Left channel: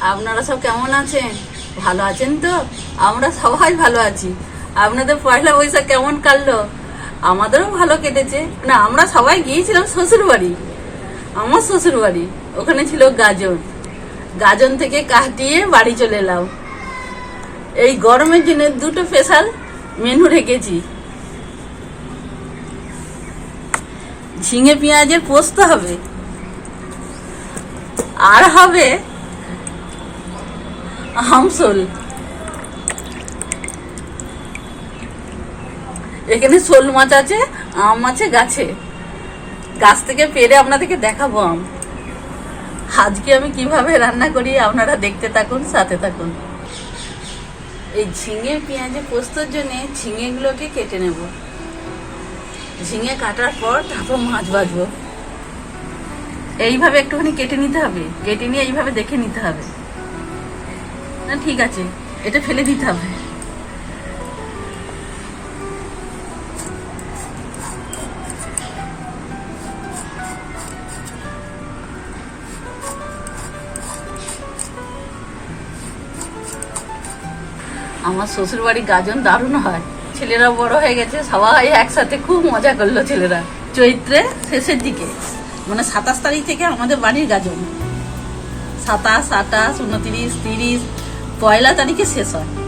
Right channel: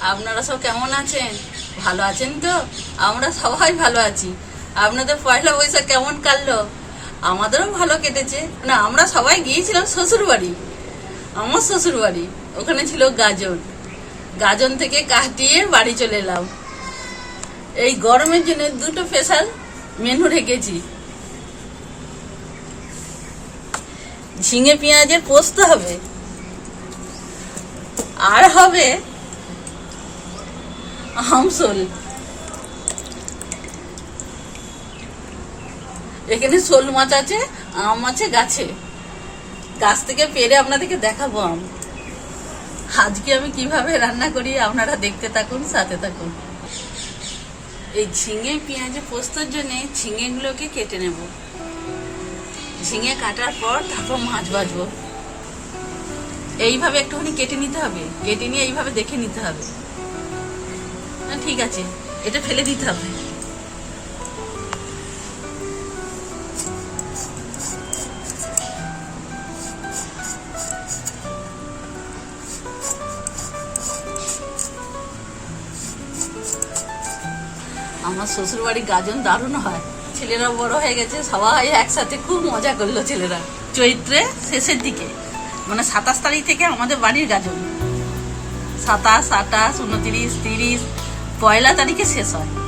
আপনারা সব কেমন আছেন? ভালো আছেন তো? আমরা সবাই ভালো আছি। আপনাদের পয়লা বৈশাখ কেমন কাটলো? আমাদেরও ভালো কেটেছে। না আমরা সবাই গিয়েছিলাম শ্বশুর বাড়ি আমার শ্বশুর বাড়ি ওখানে ছিল গাজন। গাজন থেকে কাটিয়ে বাড়ি চলে এলাম। এই গরমের জন্য দুটো স্পেশাল মেনু রেখেছি। ঝিঙে পেঁয়াজের পোস্ত হবে। আর হবে আমসোল এখানে শোল মাছ আছে, আম আছে, গাছে। গাছ থেকে পেরে আপনাদেরকে দেখাবো আম। আজকে আমি কীভাবে রান্না করি আপনারা দেখতে থাকুন, সাথে থাকুন। এই ঝিঙে পেঁয়াজে পোস্তর জন্য ঝিঙেগুলোকে কেটে নেব। ঝিঙে কাটার পর তারপর মাছ ভাজবো। এইভাবে একটুখানি কেটে নিতে হবে। কেটে নিয়ে এইভাবে দেখে নিতে হবে। না, ঠিক আছে। এটা ফেলে দিতে হবে। আমার শ্বশুর বাড়ি গাজন দারুণ হয়। ছেলেরা বড় হয়ে গেছে, সবাই একসাথে খুব মজা করল ছেলেরা। চৈত্রে শেষের দিকে মানে সাতাশ তারিখ থেকে আমাদের বাড়ির গাজন। সাতাশ আটাশ উনত্রিশ, তিরিশ পয়লা তারিখে শেষ হয়।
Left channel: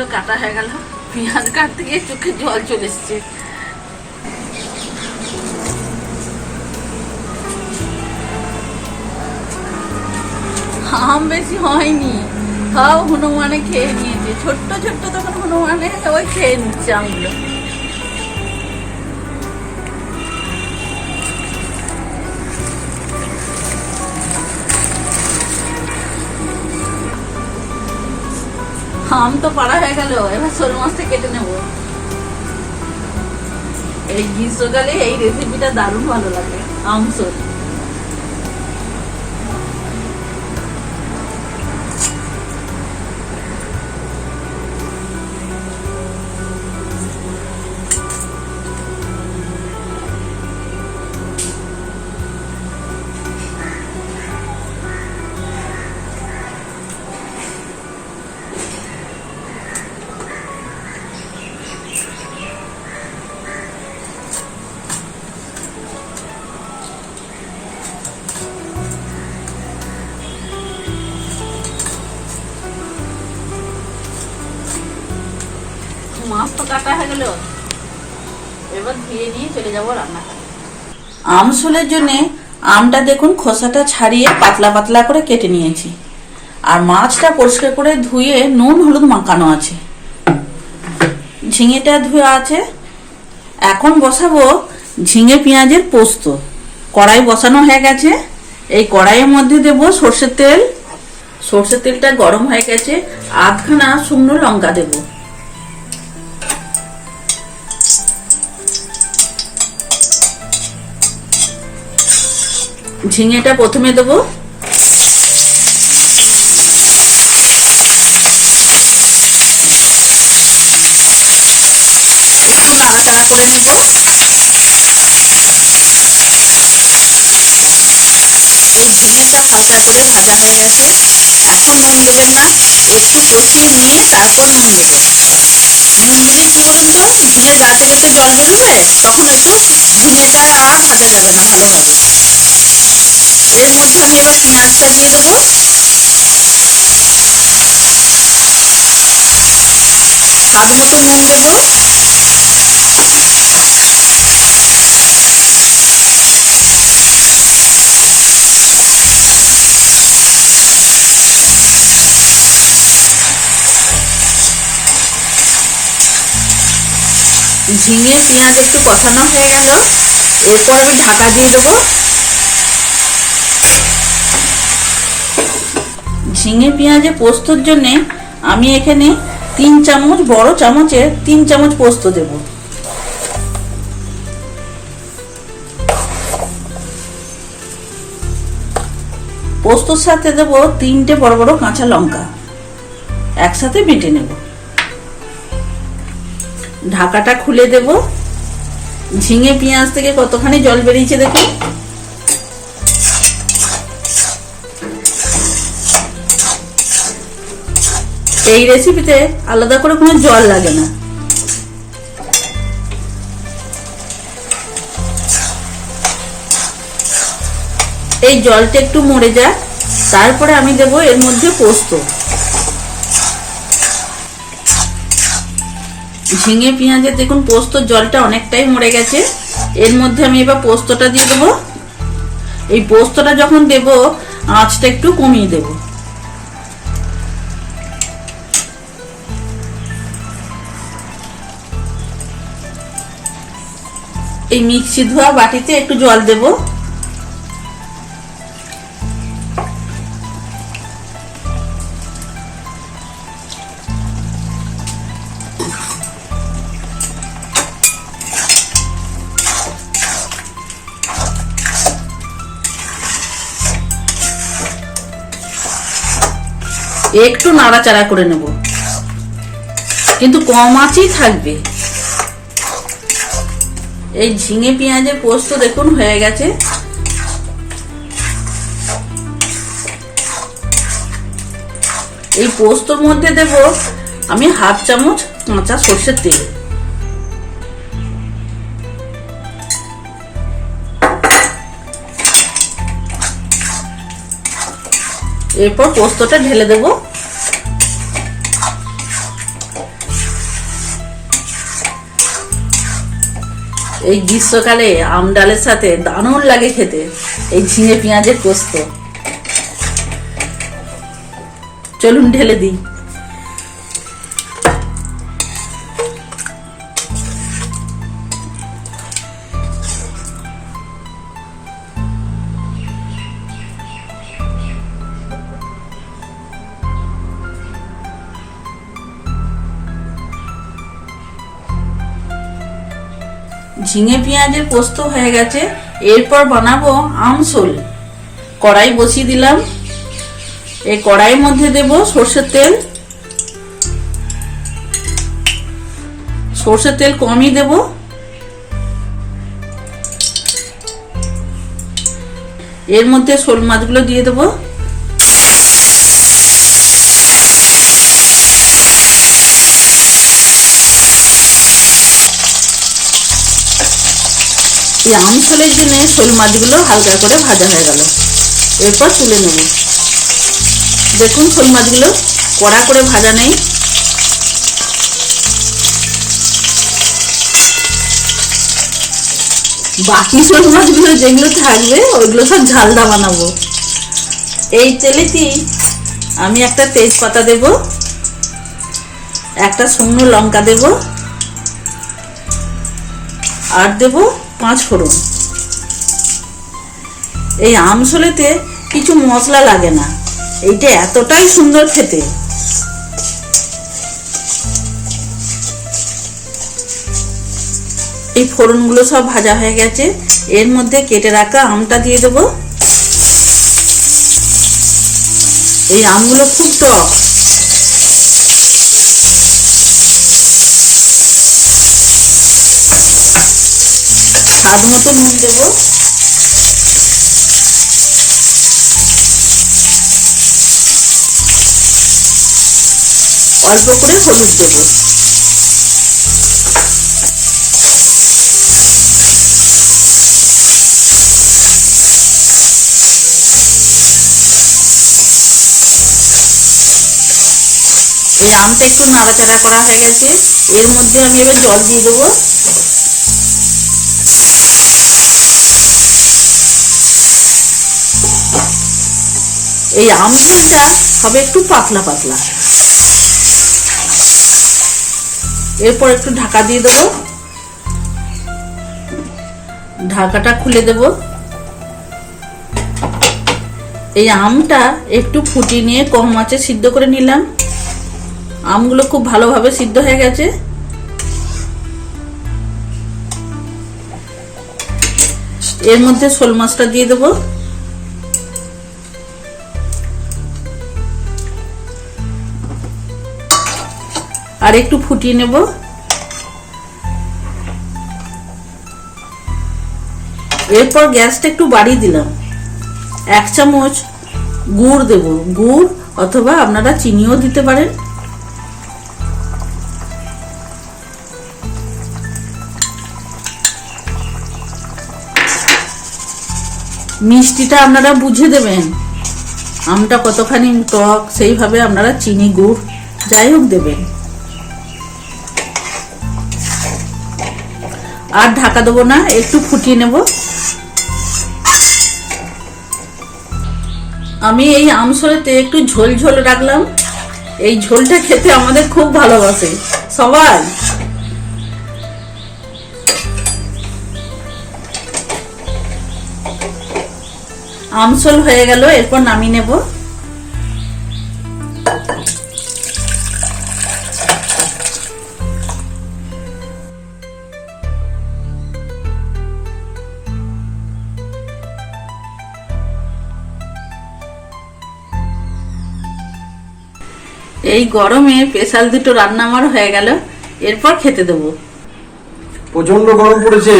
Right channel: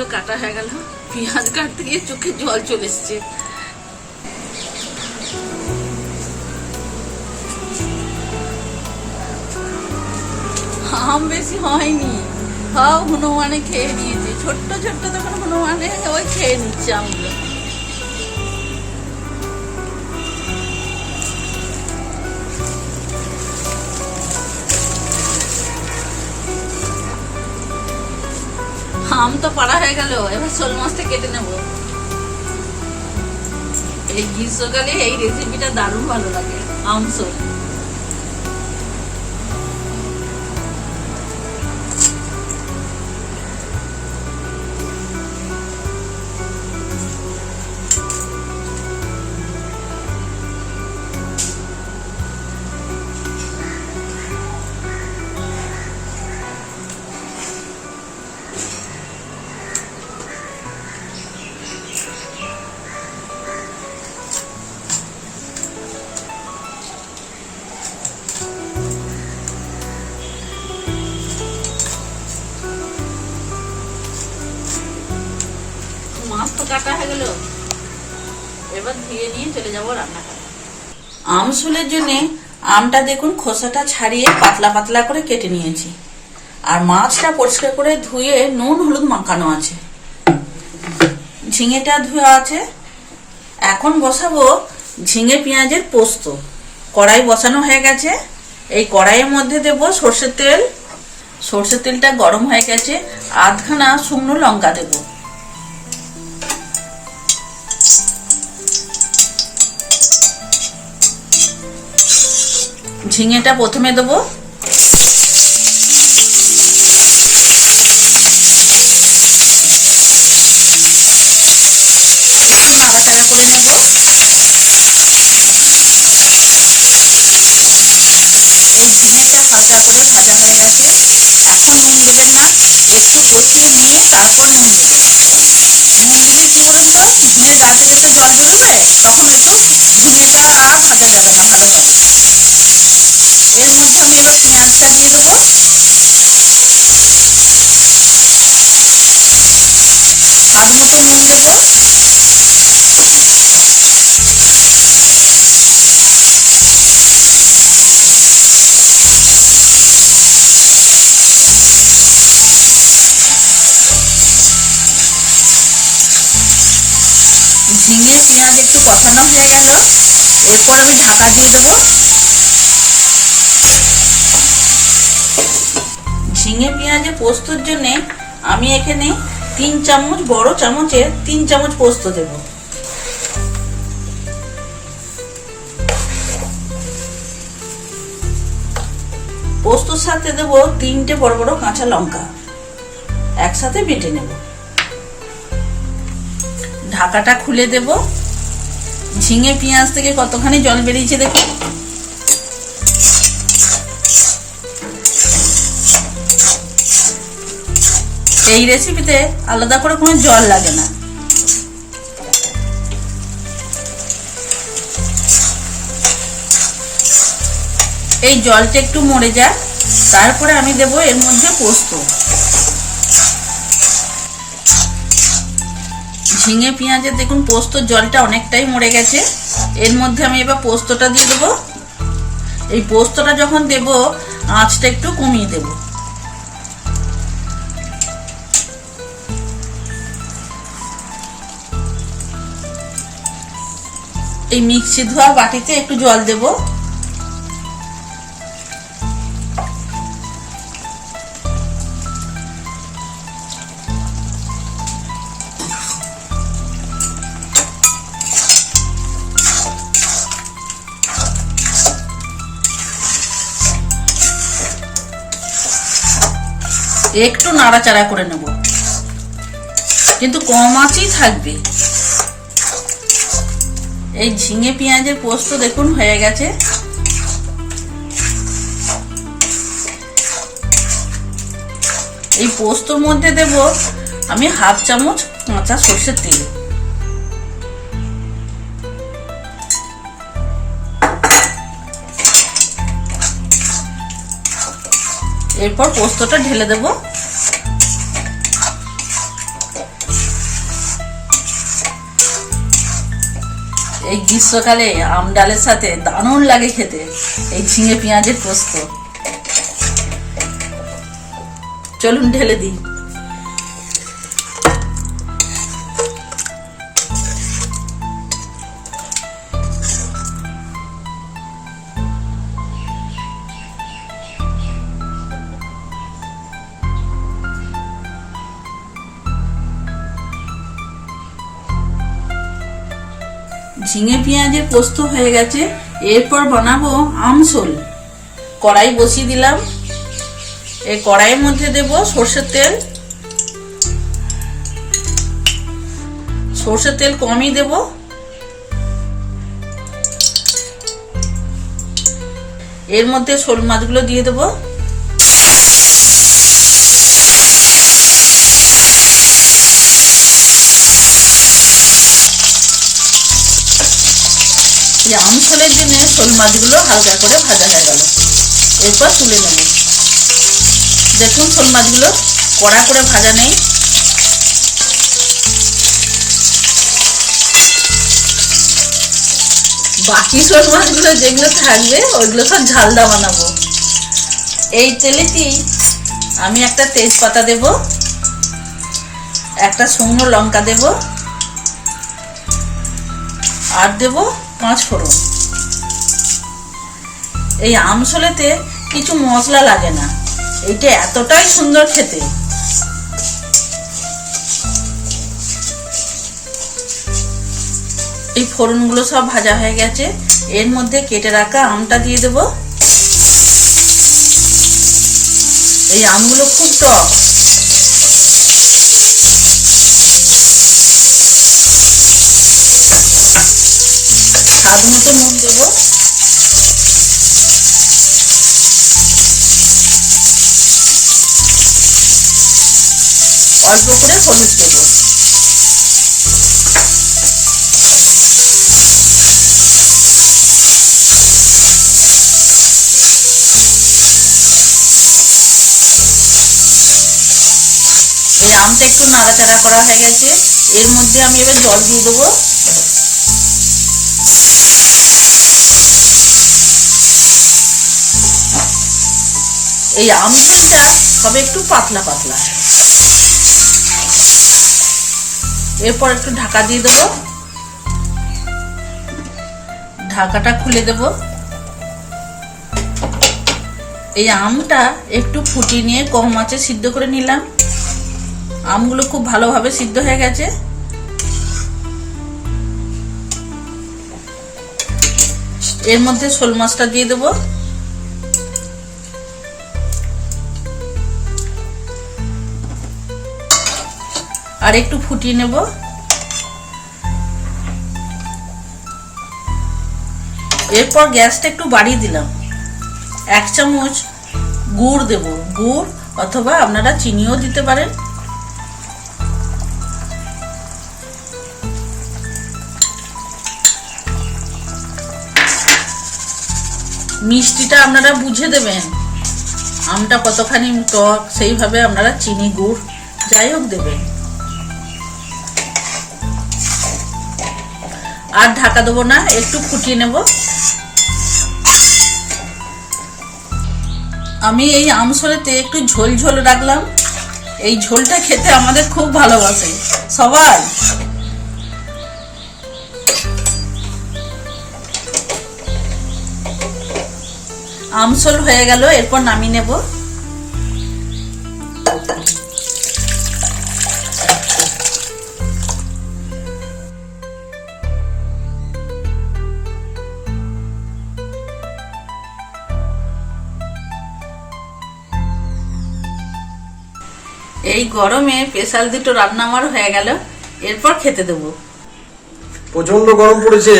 পেঁয়াজগুলো কাটা হয়ে গেল। পেঁয়াজ কাটতে গিয়ে চোখে জল চলে এসছে। আম বেশি হয়নি। সব হনুমানে খেয়ে নিয়েছে। ছোট্ট ছোট্ট তখন হনুমানে ওই খেয়ে নিচ্ছে আমগুলো। আম তো পাড়া হয়ে গেল, এবার শোল মাছটা কেটে নেব। এই গ্রীষ্মকালে এই রেসিপিটা দারুণ ভালো লাগে, আম শোল। ধুয়ে নিয়ে চলে যাব রান্না আম শুলের জন্য আমটা দেখুন খোসাটা ছাড়িয়ে পাতলা পাতলা করে কেটে নিয়েছি। আর মাছটা পরিষ্কার করে ধুয়ে নুন হলুদ মাখানো আছে। ঝিঙেটা ধুয়ে আছে। এখন বসাবো ঝিঙে পেঁয়াজের পোস্ত। কড়াই বসানো হয়ে গেছে। এই কড়াইয়ের মধ্যে দেব সর্ষের তেল। সর্ষের তেলটা গরম হয়ে গেছে। আধখানা শুকনো লঙ্কা দেবো। ঝিঙেটা প্রথমে দেবো। একটু নাড়াচাড়া করে নেব। এই ঝিঙেটা হালকা করে ভাজা হয়ে গেছে। এখন নুন দেবেন না, একটু কষিয়ে নিয়ে তারপর নুন দেবো নুন দিলে কি বলুন তো ঝিঙের গা থেকে তো জল বেরোবে, তখন একটু আর ভাজা যাবে না ভালোভাবে। এর মধ্যে আমি এবার পেঁয়াজটা দিয়ে দেবো। স্বাদ মতো নুন দেবো। ঝিঙে পেঁয়াজ একটু কষানো হয়ে গেল। এরপর আমি ঢাকা দিয়ে দেবো। ঝিঙে পেঁয়াজে পোস্তর জন্যে আমি এখানে তিন চামচ, বড় চামচের তিন চামচ পোস্ত দেব। পোস্তর সাথে দেব তিনটে বড় বড় কাঁচা লঙ্কা। একসাথে বেটে নেব। ঢাকাটা খুলে দেব। ঝিঙে, পেঁয়াজ থেকে কতখানি জল বেরিয়েছে দেখুন। এই রেসিপিতে আলাদা করে কোনো জল লাগে না। এই জলটা একটু মরে যাক, তারপরে আমি দেব এর মধ্যে পোস্ত। ঝিঙে, পেঁয়াজের দেখুন পোস্ত জলটা অনেকটাই মরে গেছে। এর মধ্যে আমি এবার পোস্তটা দিয়ে দেবো। এই পোস্তটা যখন দেব, আঁচটা একটু কমিয়ে দেবো। এই মিক্সি ধোয়া বাটিতে একটু জল দেব। একটু নাড়াচাড়া করে নেব। কিন্তু কম আঁচই থাকবে। এই ঝিঙে পেঁয়াজের পোস্ত দেখুন, হয়ে গেছে। এই পোস্তর মধ্যে দেব আমি হাফ চামচ কাঁচা সর্ষের তেল। এরপর পোস্তটা ঢেলে দেব। এই গ্রীষ্মকালে আম ডালের সাথে দারুণ লাগে খেতে, এই ঝিঙে পেঁয়াজের পোস্ত। চলুন ঢেলে দিই। ঝিঙে পেঁয়াজের পোস্ত হয়ে গেছে, এরপর বানাবো আমসোল কড়াই বসিয়ে দিলাম। এই কড়াইয়ের মধ্যে দেব সর্ষের তেল। সর্ষের তেল কমই দেব। এর মধ্যে শোল মাছগুলো দিয়ে দেবো। এই আমসলের জন্য শোল মাছগুলো হালকা করে ভাজা হয়ে গেল। এরপর তুলে নেব। দেখুন, শোল মাছগুলো কড়া করে ভাজা নেই। বাকি শোল মাছগুলো যেগুলো থাকবে ওইগুলো সব ঝালদা বানাবো। এই তেলেতেই আমি একটা তেজপাতা দেব, একটা শুকনো লঙ্কা দেব, আর দেব পাঁচ ফোড়ন। এই আমসলেতে কিছু মশলা লাগে না। এইটা এতটাই সুন্দর খেতে। এই ফোড়নগুলো সব ভাজা হয়ে গেছে। এর মধ্যে কেটে রাখা আমটা দিয়ে দেব। এই আমগুলো খুব টক। স্বাদ মতো নুন দেবো। অল্প করে হলুদ দেবো। এই আমটা একটু নাড়াচাড়া করা হয়ে গেছে। এর মধ্যে আমি এবার জল দিয়ে দেবো। এই আম হবে একটু পাতলা পাতলা। এরপর একটু ঢাকা দিয়ে দেবো। ঢাকাটা খুলে দেব। এই আমটা একটু ফুটিয়ে নিয়ে কম মাছে সিদ্ধ করে নিলাম। আমগুলো খুব ভালোভাবে সিদ্ধ হয়ে গেছে। এর মধ্যে শোল মাছটা দিয়ে দেবো। আর একটু ফুটিয়ে নেব। এরপর গ্যাসটা একটু বাড়িয়ে দিলাম। এক চামচ গুড় দেব। গুড় অথবা আপনারা চিনিও দিতে পারেন। মিষ্টিটা আপনারা বুঝে দেবেন। আমটা কতখানি টক, সেইভাবে আপনারা চিনি, গুড় যাই হোক দেবেন। আর ঢাকা দেবো না, একটু ফুটিয়ে নেব। আমি এই আমসলেতে একটু ঝোল ঝোল রাখলাম। এই ঝোলটা খেতে আমাদের খুব ভালোবাসে। সবার? আমসল হয়ে গেল, এরপর নামিয়ে নেব। এই গরমে স্পেশাল দুটো রান্না আমার হয়ে গেল এরপর খেতে দেবো। প্রচণ্ড গরম পড়েছে।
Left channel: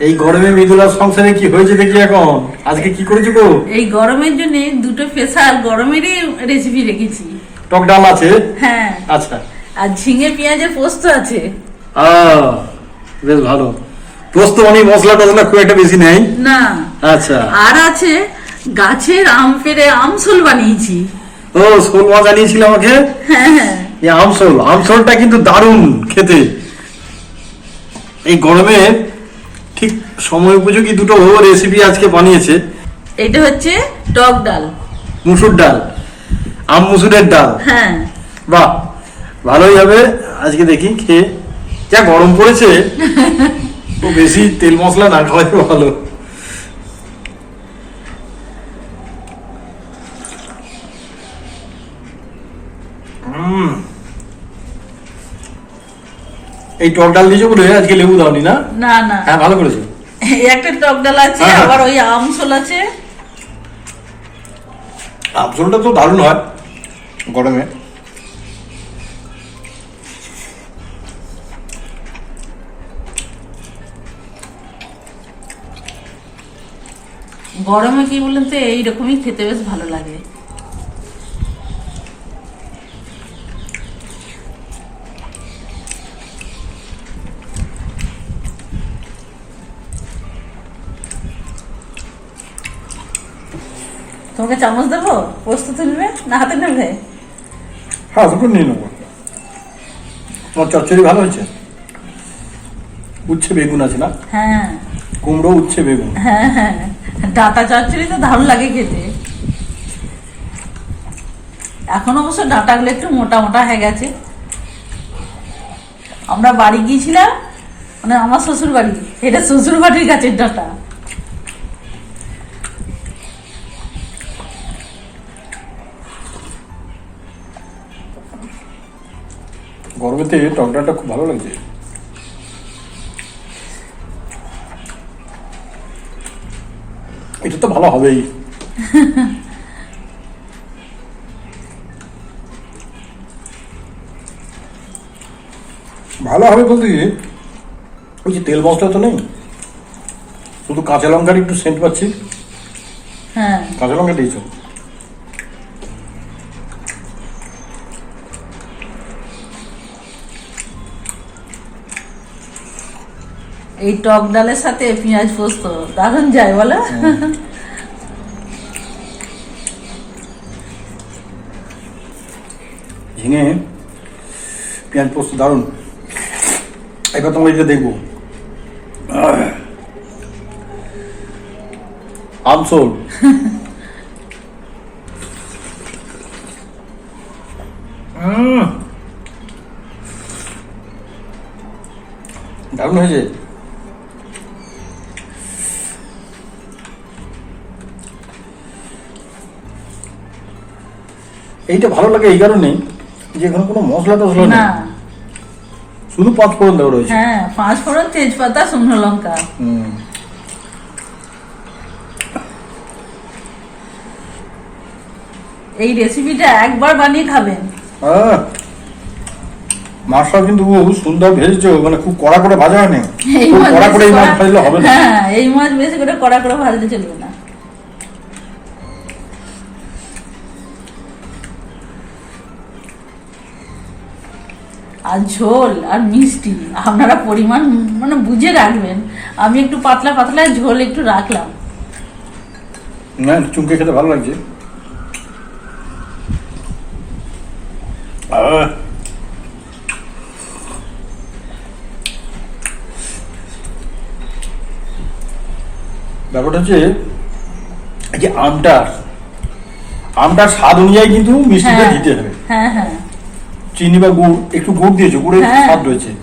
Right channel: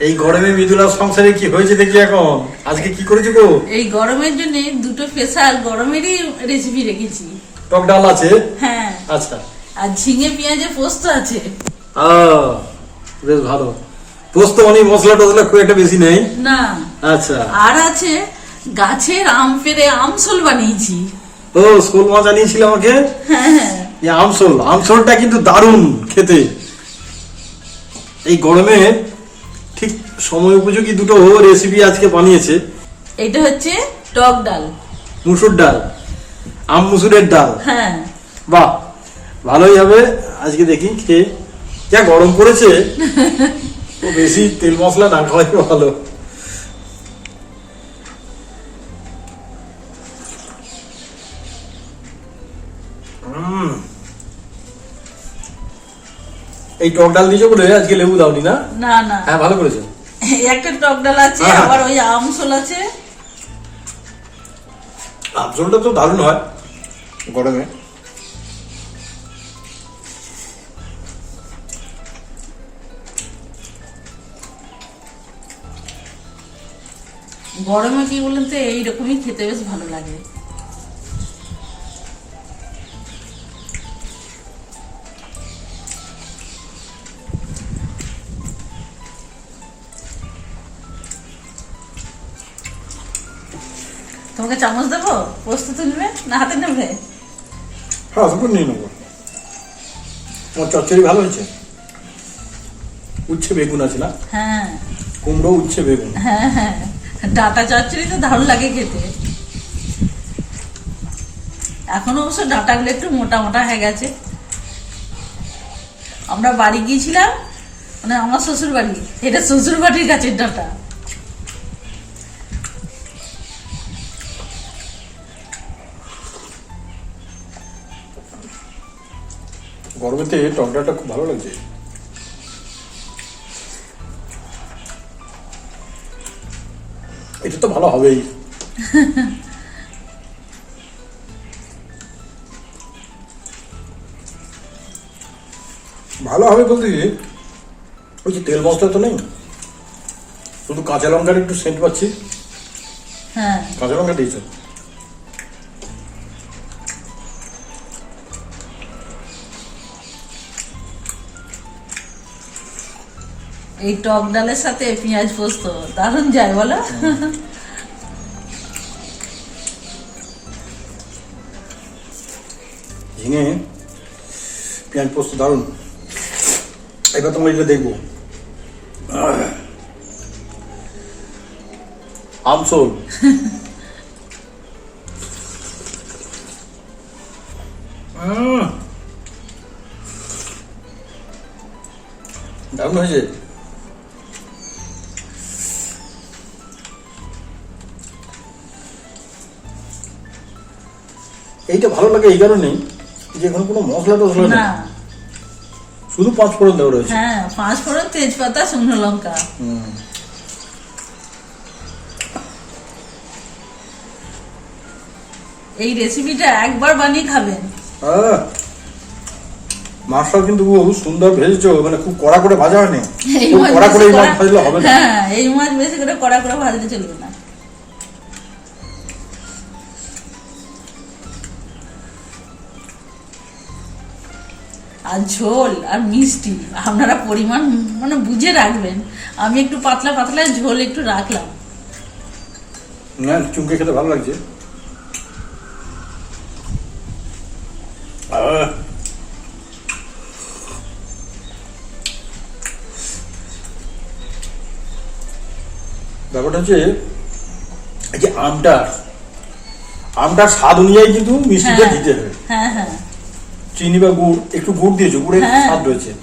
এই গরমে মৃদুলার সংসারে কি হয়েছে দেখি এখন। আজকে কি করেছ গো? এই গরমের জন্য দুটো স্পেশাল গরমেরই রেসিপি রেখেছি। টক ডাল আছে? হ্যাঁ। আচ্ছা। আর ঝিঙে পেঁয়াজে পোস্ত আছে। আহ, বেশ ভালো। পোস্ত অনেক মশলা টসলা খুব একটা বেশি নেই? না। আচ্ছা। আর আছে গাছের আম পেরে আমসল বানিয়েছি। ও শোল মাছ আনিয়েছিল আমাকে? হ্যাঁ হ্যাঁ। এই আমসোল আমসোলটা কিন্তু দারুণ খেতে। এই গরমে ঠিক সময় উপযোগী দুটো রেসিপি আজকে বানিয়েছে। এটা হচ্ছে টক ডাল। মুসুর ডাল। আম মুসুরের ডাল। হ্যাঁ। বাহ ভালোই হবে। আজকে দেখি খেয়ে। যা গরম পড়েছে বেশি তেল মশলা না খাওয়াই ভালো। এই টক ডাল দিয়েছ বলে আজকে লেবু দাওনি না? না না। হ্যাঁ ভালো করেছ। একটা টক ডাল আছে হ্যাঁ। আবার ওই আমসল আছে। আমসলটা তো দারুণ হয় গরমে। গরমে কি বলেন তো এইরকমই খেতে বেশ ভালো লাগে। তোমাকে চামচ দেবো? পোস্ত তুলবে না হাতে নেবে? হ্যাঁ দুটো নিয়ে নেব। তোমার চচ্চড়ি ভালো হয়েছে? উচ্ছে বেগুন আছে না? হ্যাঁ। কুমড়ো উচ্ছে বেগুন। হ্যাঁ হ্যাঁ। ডাটা চচ্চড়ি তো দারুণ লাগে খেতে। এখন অবশ্য ডাটাগুলো একটু মোটা মোটা হয়ে গেছে। আমরা বাড়ি গিয়েছিলাম মানে আমার শ্বশুর বাড়ি এটা শ্বশুর বাড়ির গাছের ডাটা। গরমেতে টকডালটা খুব ভালো লাগছে। এটা তো ভালো হবেই। ভালো হবে বলতে ওই যে তেল মশলা তো নেই। শুধু কাঁচা লঙ্কার একটু সেন্ট পাচ্ছি। হ্যাঁ। কাঁচা লঙ্কা দিয়েছ এই টক ডালের সাথে পেঁয়াজ পোস্ত, দারুণ যায়, বলো। ঝিঙে, পেঁয়াজ পোস্ত, দারুণ। এবার তোমরা এটা দেখব। আমসোল। দারুণ হয়েছে। এইটা ভালো লাগে এই কারণেই যে এখানে কোনো মশলা টসলা নেই। না শুধু পাঁচ ফোড়ন দেওয়া রয়েছে। হ্যাঁ পাঁচ ফোড়ন তেজপাতা শুকনো লঙ্কা। হুম। এই রেসিপিটা একবার বানিয়ে খাবেন। মাছটাও কিন্তু খুব সুন্দর ভেজেছো মানে খুব কড়া করে ভাজা হয়নি। কড়া করে এই মাছ ভাজলে হবে না। হ্যাঁ এই মাছ বেশি করে কড়া করে ভাজলে চলবে না। আর ঝোল আর মিষ্টি আপনারা পরিমাণ মানে বুঝে রাখবেন। আমি একটু পাতলা পাতলা ঝোল একটু রাখলাম। না চুমকে খেতে ভালো লাগছে। ব্যাপারটা হচ্ছে যে আমটার আমটার স্বাদ অনুযায়ী কিন্তু মিষ্টিটা হ্যাঁ। দিতে হবে। হ্যাঁ হ্যাঁ। চিনি বা গুড় একটু গুড় দিয়েছ গুড়ের হ্যাঁ। স্বাদ রয়েছে।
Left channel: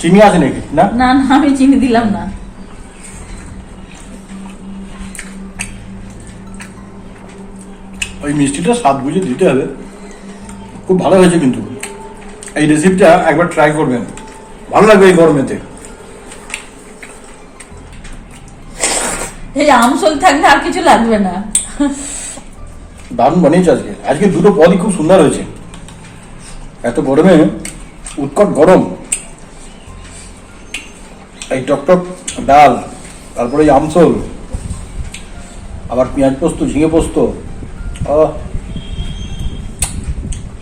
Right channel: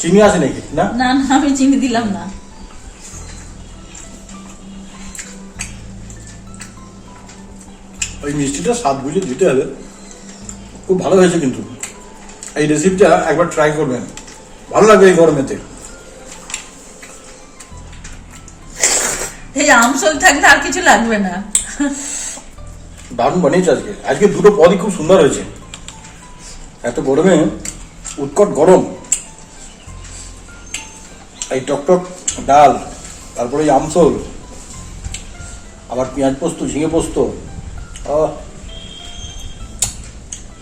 চিনি আছে নাকি? না? না না আমি চিনি দিলাম না। ওই মিষ্টিটা স্বাদ বুঝে দিতে হবে। খুব ভালো হয়েছে কিন্তু। এই রেসিপিটা একবার ট্রাই করবেন। ভালো লাগবে এই গরমেতে। এই আমসল থাকলে আর কিছু লাগবে না। দারুণ বানিয়েছে আজকে। আজকে দুটো পদই খুব সুন্দর হয়েছে। এত গরমে উৎকট গরম। এই টকটক ডাল তারপরে এই আমসল আবার পেঁয়াজ পোস্ত ঝিঙে পোস্ত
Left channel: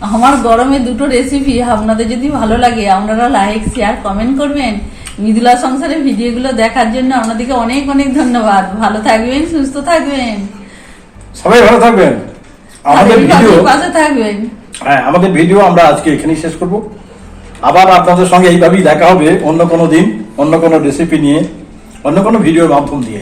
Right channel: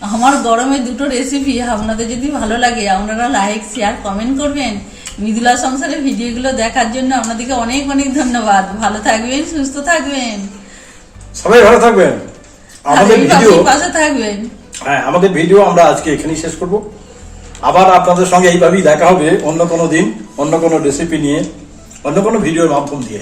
আমার গরমে দুটো রেসিপি আপনাদের যদি ভালো লাগে আপনারা লাইক শেয়ার কমেন্ট করবেন। মৃদুলা সংসারের ভিডিওগুলো দেখার জন্য আপনাদেরকে অনেক অনেক ধন্যবাদ। ভালো থাকবেন সুস্থ থাকবেন। সবাই ভালো থাকবেন। আমাদের ভিডিও পাশে- পাশে থাকবেন। হ্যাঁ আমাদের ভিডিও আমরা আজকে এখানেই শেষ করব। আবার আপনাদের সঙ্গে এইভাবেই দেখা হবে অন্য কোনো দিন, অন্য কোনো রেসিপি নিয়ে, অন্য কোনো ভিডিওর মাধ্যম দিয়ে।